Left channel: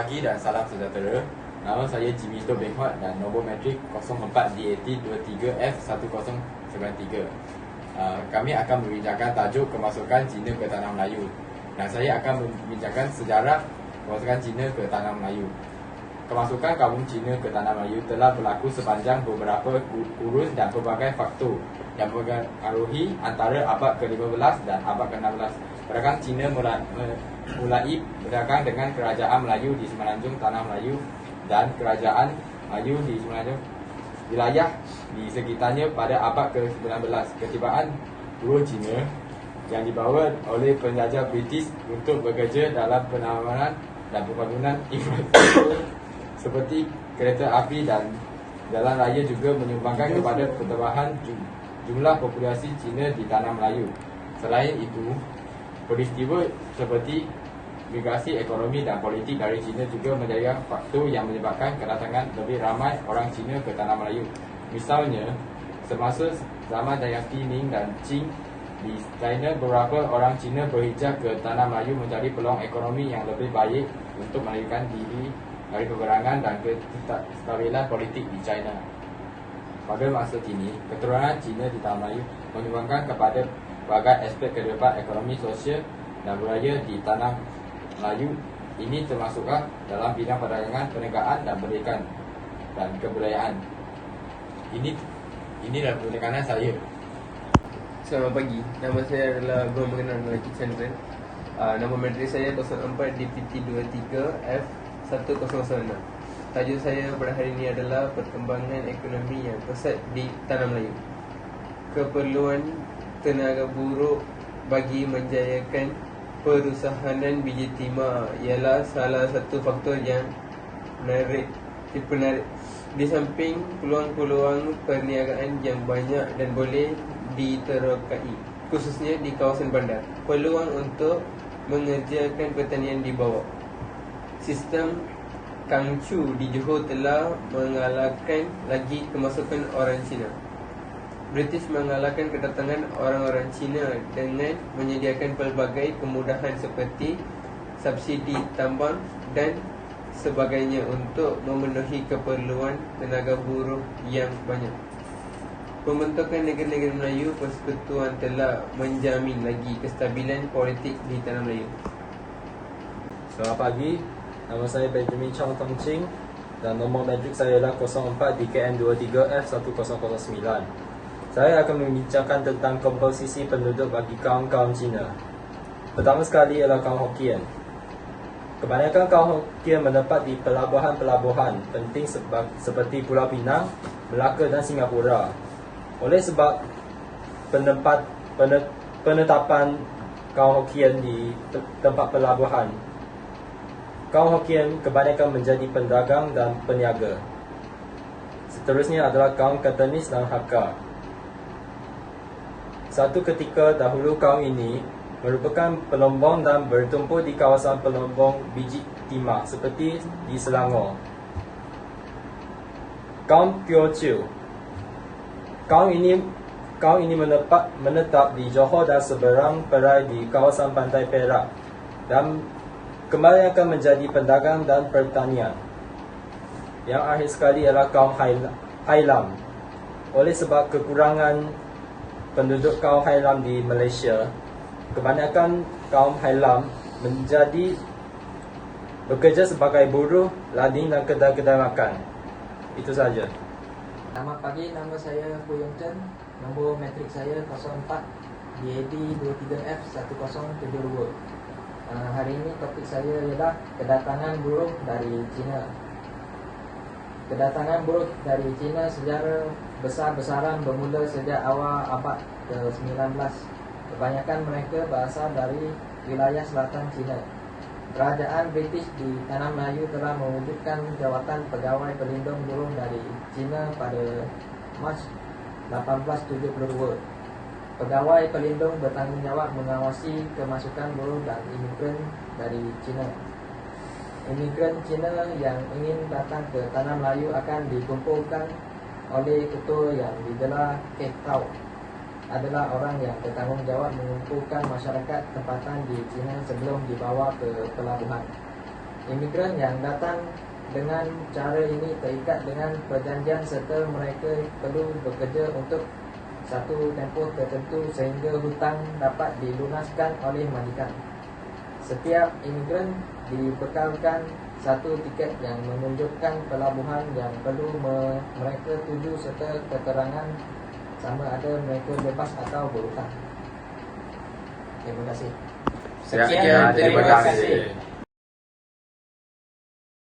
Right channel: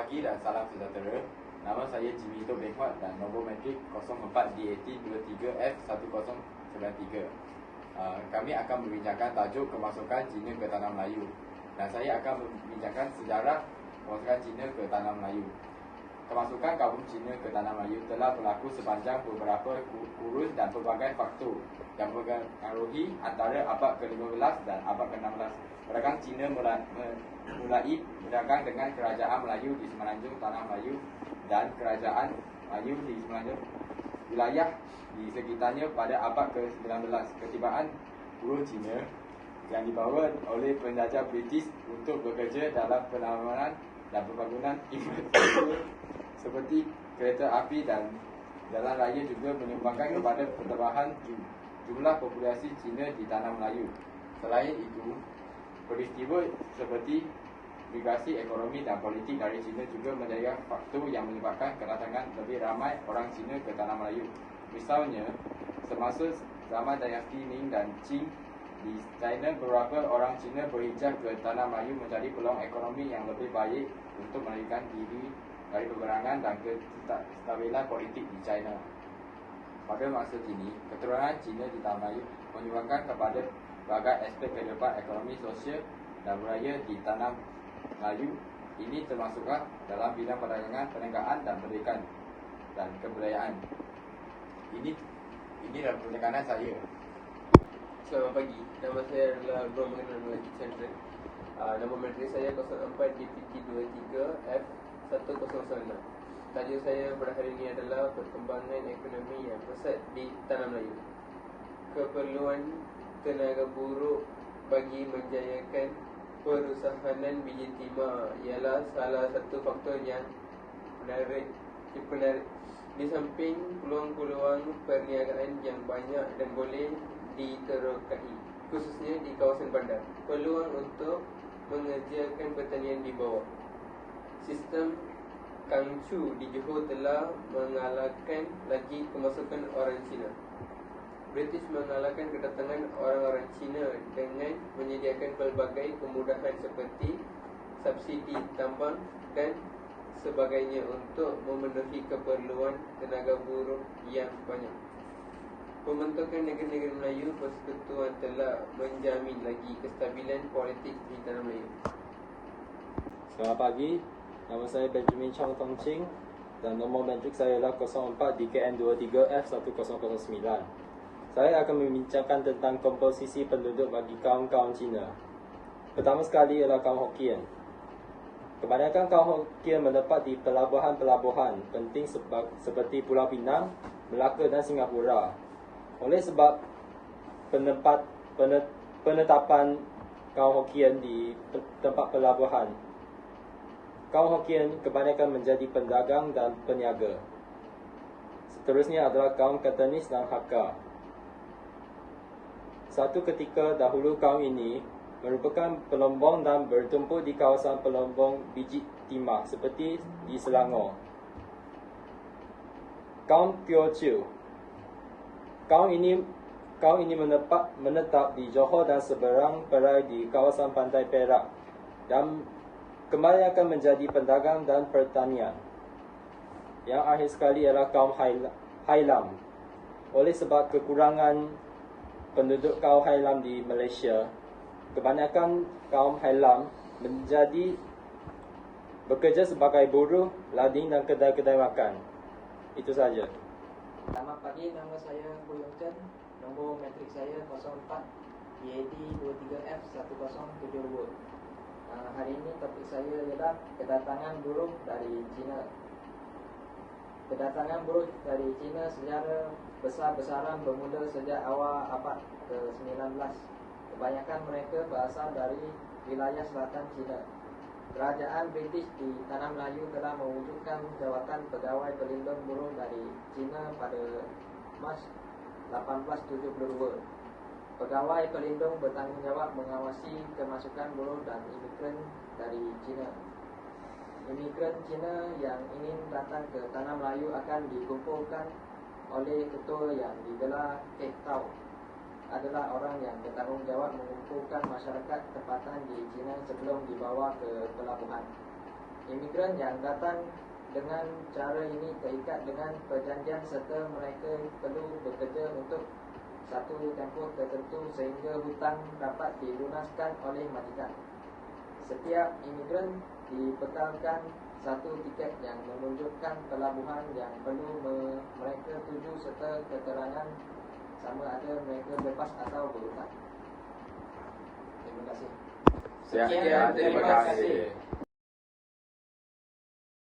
pagi dan salam sejahtera. Nama saya Jimmy To Beng Huat dan nombor metrik 04DAT23F1093. Kami akan membincangkan tajuk kemasukan Cina ke Tanah Melayu, dan saya akan membincangkan sejarah kemasukan Cina ke Tanah Melayu. Kemasukan kaum Cina ke Tanah Melayu telah berlaku sepanjang beberapa kurun dan pelbagai faktor yang mempengaruhi antara abad ke-15 dan abad ke-16. Pedagang Cina mulai berdagang dengan kerajaan Melayu di semenanjung Tanah Melayu dan kerajaan Melayu di semenanjung wilayah di sekitarnya pada abad ke-19. Ketibaan buruh Cina yang dibawa oleh penjajah British untuk bekerja dalam penanaman dan pembangunan infrastruktur seperti kereta api dan jalan raya juga menyumbangkan kepada pertambahan jumlah populasi Cina di Tanah Melayu. Selain itu, peristiwa seperti migrasi ekonomi dan politik dari Cina juga menjadi faktor yang menyebabkan kedatangan lebih ramai orang Cina ke Tanah Melayu. Misalnya, semasa zaman dinasti Ming dan Qing di China, beberapa orang Cina berhijrah ke Tanah Melayu mencari peluang ekonomi yang lebih baik untuk melarikan diri dari peperangan dan kestabilan politik di China. Pada masa kini, keturunan Cina di Tanah Melayu menyumbangkan kepada berbagai aspek kehidupan ekonomi, sosial dan budaya di Tanah Melayu. Ini termasuklah dalam bidang perdagangan, perniagaan dan pendidikan dan kebudayaan. Ini adalah penekanan saya. Selamat pagi, nama saya adalah Guru Mengenal Melaki Chandran. Nombor metrik saya 04 DPT23F1096. Tajuk saya pada hari ini adalah perkembangan ekonomi yang pesat di Tanah Melayu. Keperluan tenaga buruh bagi menjayakan perusahaan biji timah ialah salah satu faktor yang menarik. Di samping peluang-peluang perniagaan yang banyak dan boleh diterokai, khususnya di kawasan bandar, peluang untuk mengerjakan pertanian di bawah. Sistem Kangchu di Johor telah mengalahkan lagi kemasukan orang Cina. British mengalahkan kedatangan orang-orang Cina dengan menyediakan pelbagai kemudahan seperti subsidi tambang dan sebagainya untuk memenuhi keperluan tenaga buruh yang banyak. Pembentukan negara-negara Melayu Persekutuan telah menjamin lagi kestabilan politik di Tanah Melayu. Selamat pagi, nama saya Benjamin Chong Tong Ching dan nombor metrik saya adalah 04 DKN23F1009. Saya akan membincangkan tentang komposisi penduduk bagi kaum Cina. Pertama sekali ialah kaum Hokkien. Kebanyakan kaum Hokkien menetap di pelabuhan-pelabuhan penting seperti Pulau Pinang, Melaka dan Singapura. Oleh sebab penetapan kaum Hokkien di tempat pelabuhan, kaum Hokkien kebanyakan menjadi pedagang dan peniaga. Seterusnya adalah kaum Cantonese dan Hakka. Satu ketika dahulu kaum ini merupakan pelombong dan bertumpuk di kawasan pelombong biji timah seperti di Selangor. Kaum Teochew. Kaum ini menetap di Johor dan seberang perai di kawasan pantai Perak dan kembali akan menjadi pedagang dan pertanian. Yang akhir sekali ialah kaum Hailam. Oleh sebab kekurangan penduduk kaum Hailam di Malaysia, kebanyakan kaum Hailam bekerja sebagai buruh, lading dan kedai-kedai makan. Itu saja. Selamat pagi, nama saya Hu Yong Chen. Nombor metrik saya 04 DAD23F1072. Hari ini topik saya ialah kedatangan buruh dari China. Kedatangan buruh dari China secara besar-besaran bermula sejak awal abad ke-19. Kebanyakan mereka berasal dari wilayah selatan China. Kerajaan British di Tanah Melayu telah mewujudkan jawatan pegawai pelindung buruh dari China pada Mac 1872. Pegawai pelindung bertanggungjawab mengawasi kemasukan buruh dan imigran dari China. Imigran Cina yang ingin datang ke Tanah Melayu akan dikumpulkan oleh ketua yang digelar Kek Tau. Adalah orang yang bertanggungjawab mengumpulkan masyarakat tempatan di China sebelum dibawa ke pelabuhan. Imigran yang datang dengan cara ini terikat dengan perjanjian serta mereka perlu bekerja untuk satu tempoh tertentu sehingga hutang dapat dilunaskan oleh majikan. Setiap imigran dibekalkan satu tiket yang menunjukkan pelabuhan yang perlu mereka tuju serta keterangan sama ada mereka bebas atau berhutang. Terima kasih. Sekian, terima kasih.